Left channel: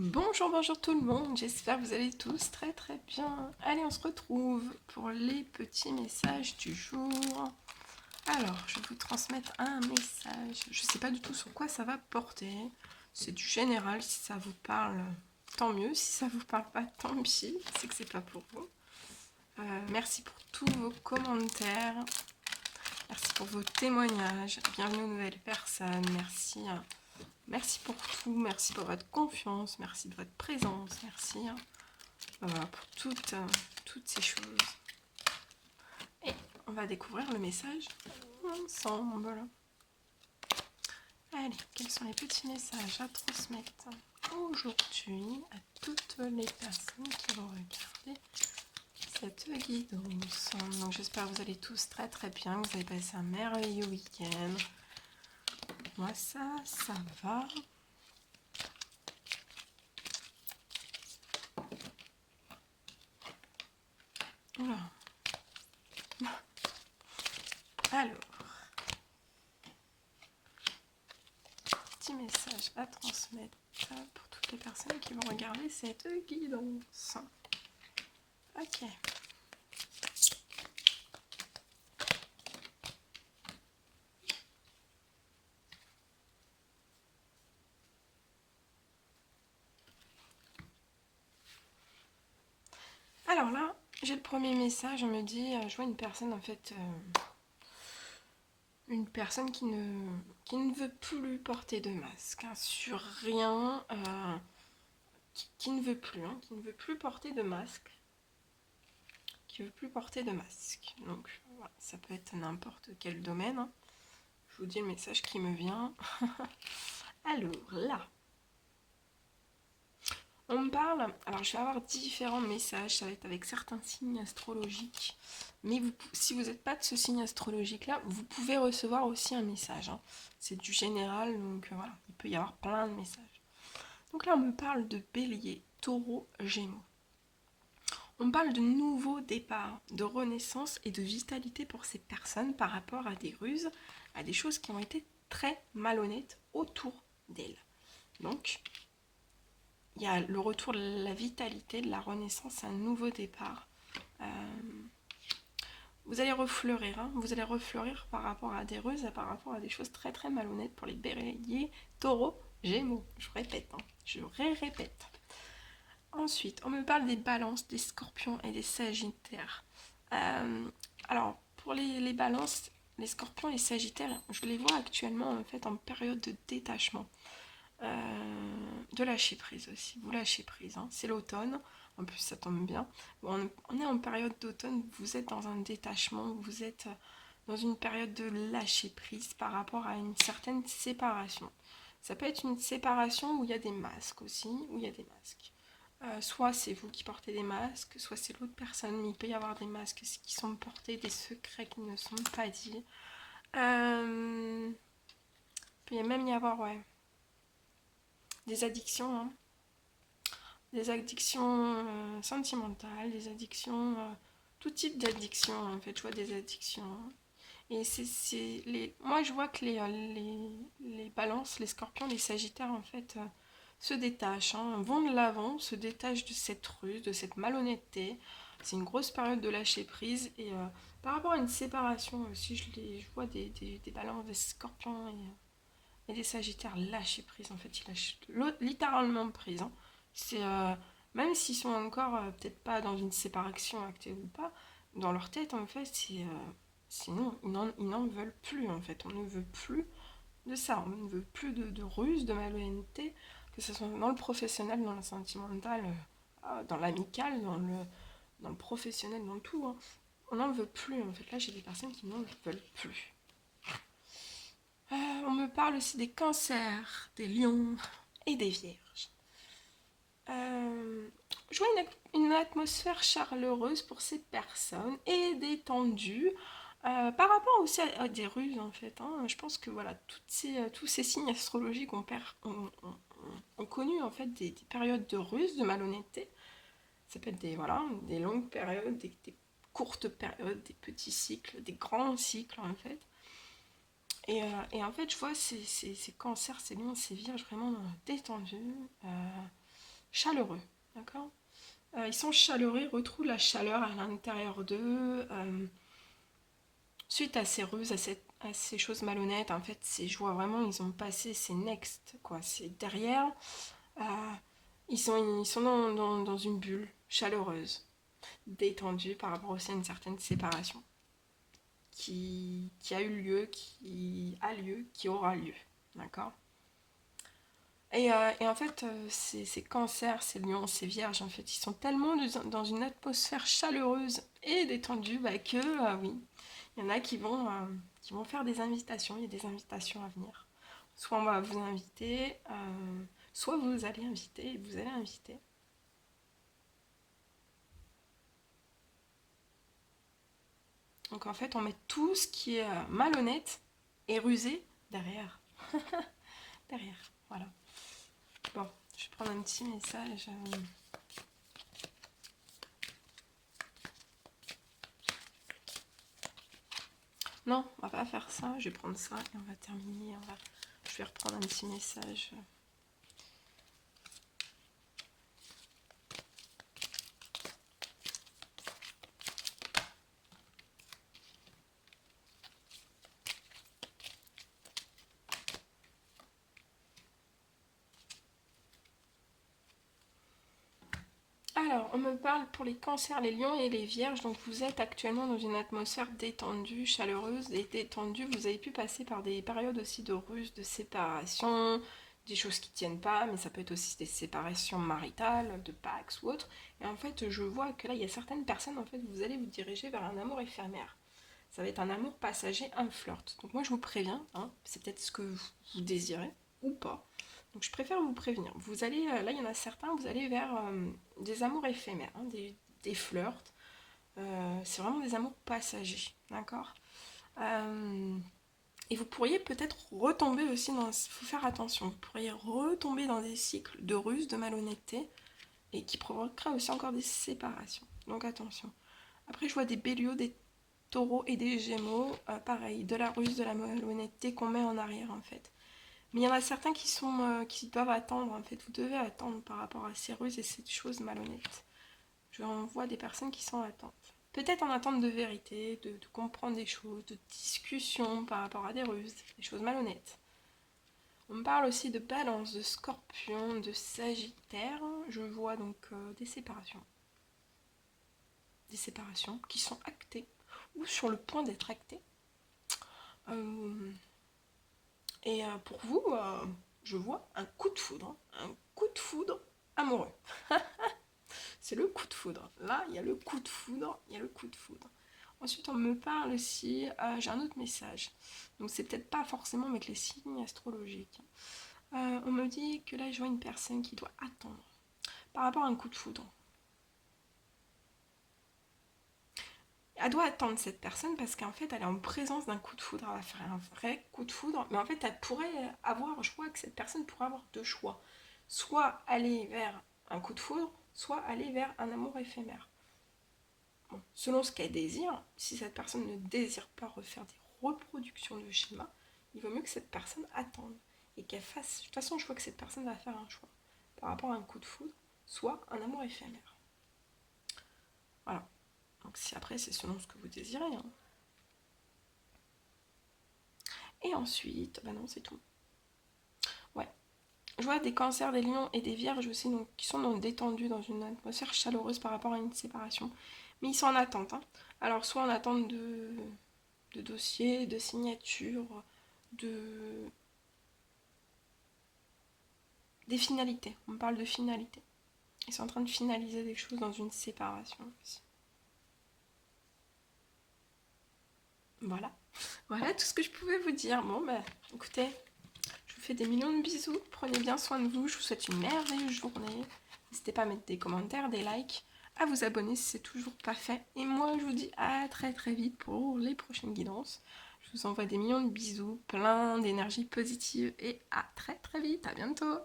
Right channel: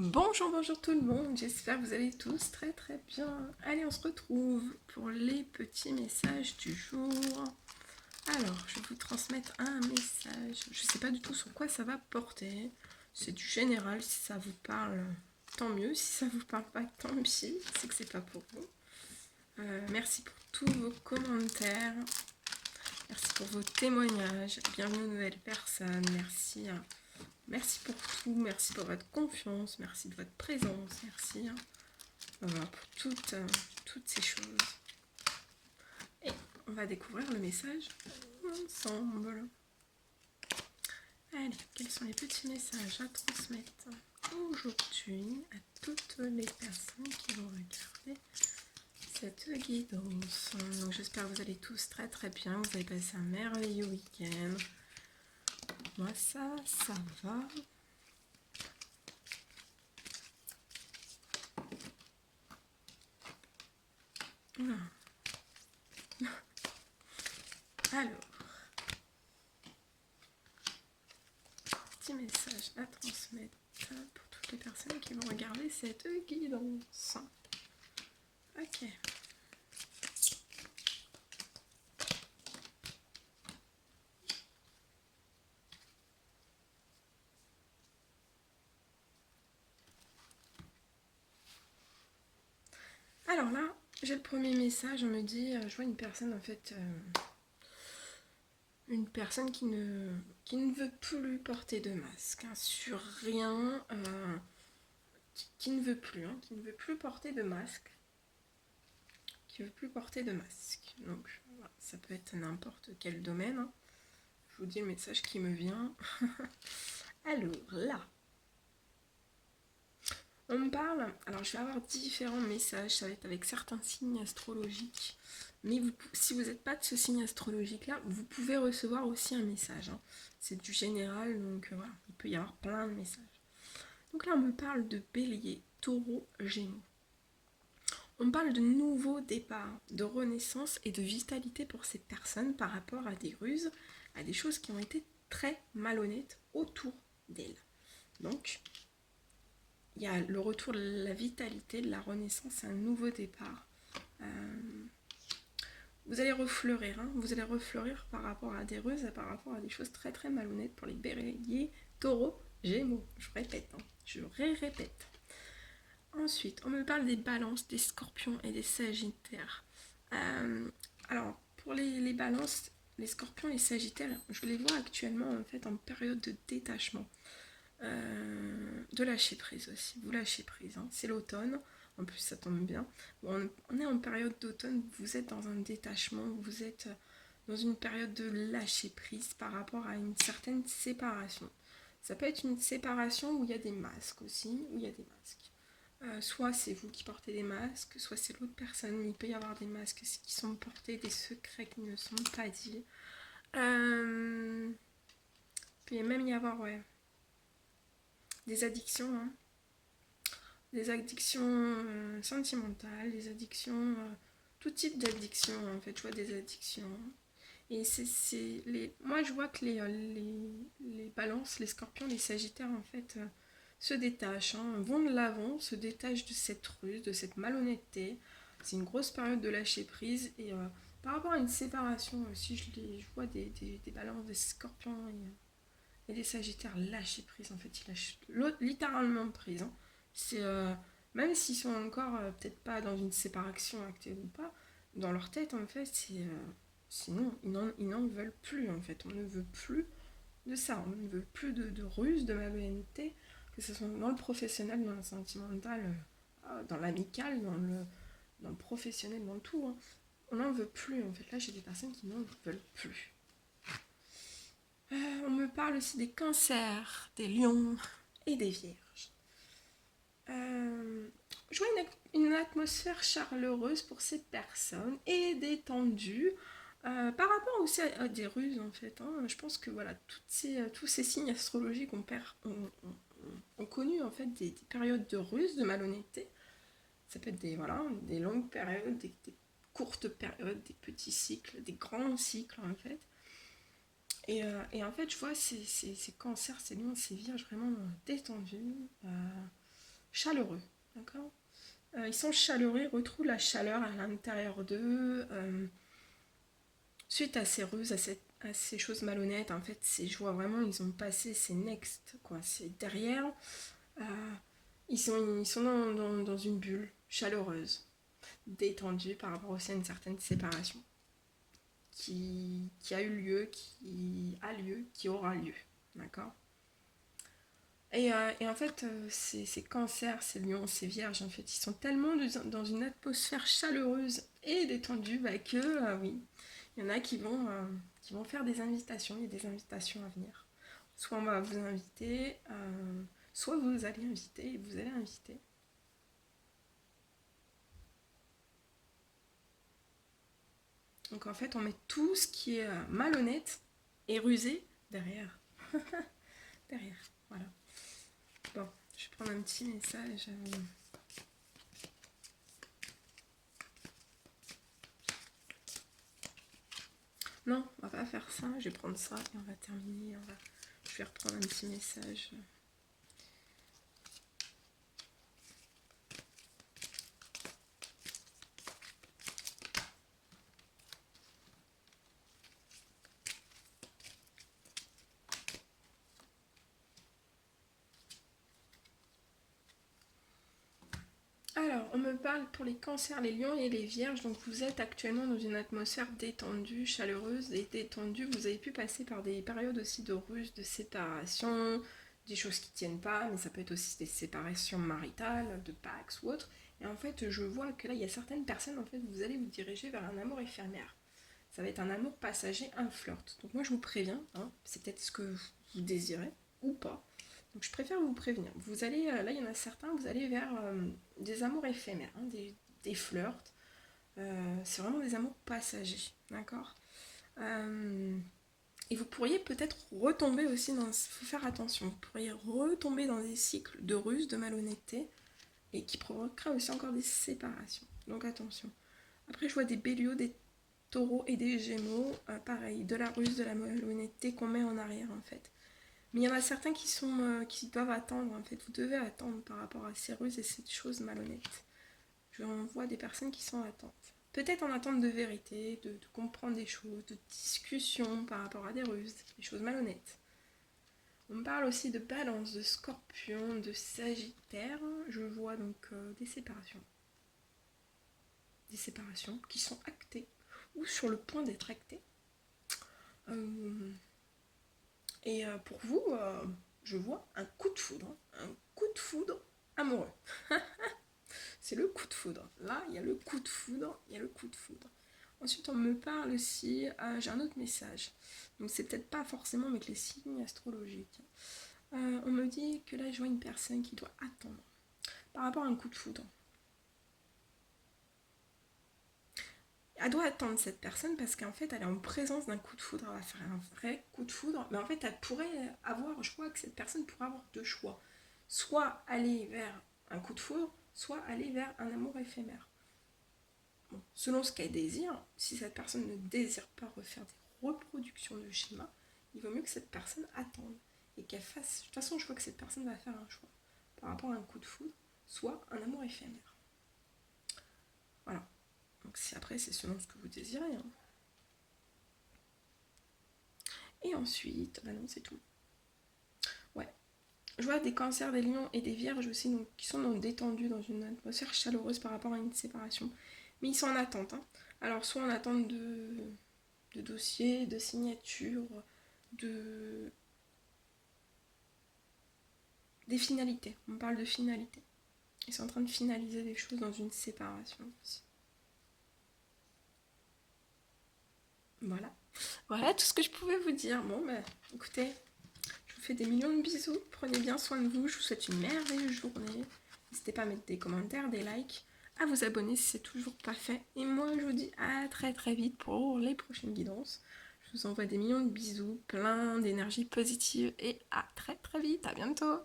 Bonjour, bonjour tout le monde, j'espère que vous allez tous très très bien. Allez, on se retrouve pour les petits messages du jour. Alors, je vais vous transmettre un message. Je ne sais pas du tout sur quoi ça va porter. C'est du général, si ça vous parle, tant mieux. Si ça vous parle pas, tant pis, c'est que c'est pas pour vous. Merci pour tous vos commentaires. Merci pour vos témoignages. Bienvenue aux nouvelles personnes. Merci. Merci pour tout, merci pour votre confiance, merci de votre présence, merci pour toutes ces choses. Et on va découvrir le message ensemble. Allez, quels sont les petits messages à transmettre aujourd'hui à toutes les personnes qui vont regarder cette guidance. Donc j'espère que vous allez tous très très bien, que vous avez passé un merveilleux week-end. Moi ça va. Oula. Alors, petit message à transmettre pour toutes les personnes qui vont regarder cette guidance. Ok. Alors là, j'ai le premier message, on me dit, je vois une personne en fait, une personne qui ne veut plus porter de masque, hein, sur rien, qui ne veut plus, hein, qui ne veut plus porter de masque, qui veut plus porter de masque. Donc voilà, ça peut être n'importe quel domaine, hein. Je vous dis le message qui me vient. Alors là, on me parle, alors je vais avoir différents messages, ça va être avec certains signes astrologiques, mais si vous n'êtes pas de ce signe astrologique là, vous pouvez recevoir aussi un message, hein. C'est du général, donc voilà, il peut y avoir plein de messages. Donc là on me parle de bélier, taureau, gémeaux. On me parle de nouveaux départs, de renaissance et de vitalité pour ces personnes par rapport à des ruses, à des choses qui ont été très malhonnêtes autour d'elles. Donc il y a le retour de la vitalité, de la renaissance, un nouveau départ. Vous allez refleurir, hein, vous allez refleurir par rapport à des ruses, par rapport à des choses très très malhonnêtes pour les béliers, taureaux, gémeaux. Je répète, hein, je répète. Ensuite, on me parle des balances, des scorpions et des sagittaires. Alors, pour les balances, les scorpions et les sagittaires, je les vois actuellement en fait en période de détachement. De lâcher prise aussi, vous lâchez prise, hein. C'est l'automne, en plus ça tombe bien. Bon, on est en période d'automne, vous êtes dans un détachement, vous êtes dans une période de lâcher prise par rapport à une certaine séparation. Ça peut être une séparation où il y a des masques aussi, où il y a des masques. Soit c'est vous qui portez des masques, soit c'est l'autre personne, mais il peut y avoir des masques qui sont portés, des secrets qui ne sont pas dits. Il peut même y avoir, ouais, des addictions, hein. Des addictions sentimentales, des addictions, tout type d'addiction en fait, je vois des addictions. Et moi je vois que les balances, les scorpions, les sagittaires en fait se détachent, hein, vont de l'avant, se détachent de cette ruse, de cette malhonnêteté. C'est une grosse période de lâcher prise et par rapport à une séparation aussi, je vois des balances, des scorpions et des sagittaires lâcher prise en fait, ils lâchent littéralement prise, hein. C'est même s'ils sont encore peut-être pas dans une séparation actuelle ou pas, dans leur tête en fait, sinon ils n'en veulent plus en fait. On ne veut plus de ça, on ne veut plus de ruse, de malhonnêteté, que ce soit dans le professionnel, dans le sentimental, dans l'amical, dans le professionnel, dans tout, hein. On n'en veut plus en fait. Là j'ai des personnes qui n'en veulent plus. On me parle aussi des cancers, des lions et des vierges. Je vois une atmosphère chaleureuse pour ces personnes et détendue. Par rapport aussi à des ruses en fait, hein. Je pense que voilà, tous ces signes astrologiques ont connu en fait des périodes de ruse, de malhonnêteté. Ça peut être des longues périodes, des courtes périodes, des petits cycles, des grands cycles en fait. Et en fait, je vois ces cancers, ces lions, ces vierges vraiment détendus. chaleureux, d'accord. Ils sont chaleureux, ils retrouvent la chaleur à l'intérieur d'eux. Suite à ces ruses, à ces choses malhonnêtes, en fait, je vois vraiment, ils ont passé ces next, quoi. C'est derrière, euh, ils sont dans une bulle chaleureuse, détendue par rapport aussi à une certaine séparation qui a eu lieu, qui a lieu, qui aura lieu, d'accord. Et en fait, ces cancers, ces lions, ces vierges, en fait, ils sont tellement dans une atmosphère chaleureuse et détendue que, oui, il y en a qui vont faire des invitations. Il y a des invitations à venir. Soit on va vous inviter, soit vous allez inviter et vous allez inviter. Donc en fait, on met tout ce qui est malhonnête et rusé derrière. Derrière, voilà. Bon, je vais prendre un petit message. Non, on va pas faire ça. Je vais prendre ça et on va terminer. Je vais reprendre un petit message. Alors, on me parle pour les cancers, les lions et les vierges. Donc, vous êtes actuellement dans une atmosphère détendue, chaleureuse et détendue. Vous avez pu passer par des périodes aussi de ruse, de séparation, des choses qui tiennent pas, mais ça peut être aussi des séparations maritales, de Pax ou autre. Et en fait, je vois que là, il y a certaines personnes, en fait, vous allez vous diriger vers un amour éphémère. Ça va être un amour passager, un flirt. Donc, moi, je vous préviens, hein, c'est peut-être ce que vous désirez ou pas. Donc je préfère vous prévenir. Vous allez, là il y en a certains, vous allez vers des amours éphémères, hein, des flirts. C'est vraiment des amours passagers, d'accord. Et vous pourriez peut-être retomber aussi dans... Il faut faire attention, vous pourriez retomber dans des cycles de ruse, de malhonnêteté, et qui provoquera aussi encore des séparations. Donc attention. Après je vois des béliaux, des taureaux et des gémeaux, pareil, de la ruse, de la malhonnêteté qu'on met en arrière en fait. Mais il y en a certains qui doivent attendre, en fait. Vous devez attendre par rapport à ces ruses et ces choses malhonnêtes. Je vois des personnes qui sont en attente. Peut-être en attente de vérité, de comprendre des choses, de discussion par rapport à des ruses, des choses malhonnêtes. On me parle aussi de balance, de scorpion, de sagittaire. Je vois donc des séparations. Des séparations qui sont actées ou sur le point d'être actées. Et pour vous, je vois un coup de foudre. Un coup de foudre amoureux. C'est le coup de foudre. Là, il y a le coup de foudre, il y a le coup de foudre. Ensuite, on me parle aussi, j'ai un autre message. Donc, c'est peut-être pas forcément avec les signes astrologiques. On me dit que là, je vois une personne qui doit attendre par rapport à un coup de foudre. Elle doit attendre cette personne parce qu'en fait, elle est en présence d'un coup de foudre. Elle va faire un vrai coup de foudre. Mais en fait, elle pourrait avoir, je crois que cette personne pourrait avoir deux choix. Soit aller vers un coup de foudre, soit aller vers un amour éphémère. Bon, selon ce qu'elle désire, si cette personne ne désire pas refaire des reproductions de schéma, il vaut mieux que cette personne attende et qu'elle fasse. De toute façon, je vois que cette personne va faire un choix par rapport à un coup de foudre, soit un amour éphémère. Voilà. Donc si après, c'est selon ce que vous désirez. Hein. Et ensuite, bah non, c'est tout. Ouais. Je vois des cancers, des lions et des vierges aussi, donc, qui sont détendus dans une atmosphère chaleureuse par rapport à une séparation. Mais ils sont en attente. Hein. Alors, soit en attente de dossiers, de signatures, des finalités. On parle de finalité. Ils sont en train de finaliser des choses dans une séparation aussi. Voilà. Voilà tout ce que je pouvais vous dire. Bon, bah, écoutez, je vous fais des millions de bisous. Prenez bien soin de vous. Je vous souhaite une merveilleuse journée. N'hésitez pas à mettre des commentaires, des likes, à vous abonner si c'est toujours pas fait. Et moi, je vous dis à très très vite pour les prochaines guidances. Je vous envoie des millions de bisous, plein d'énergie positive et à très très vite. À bientôt.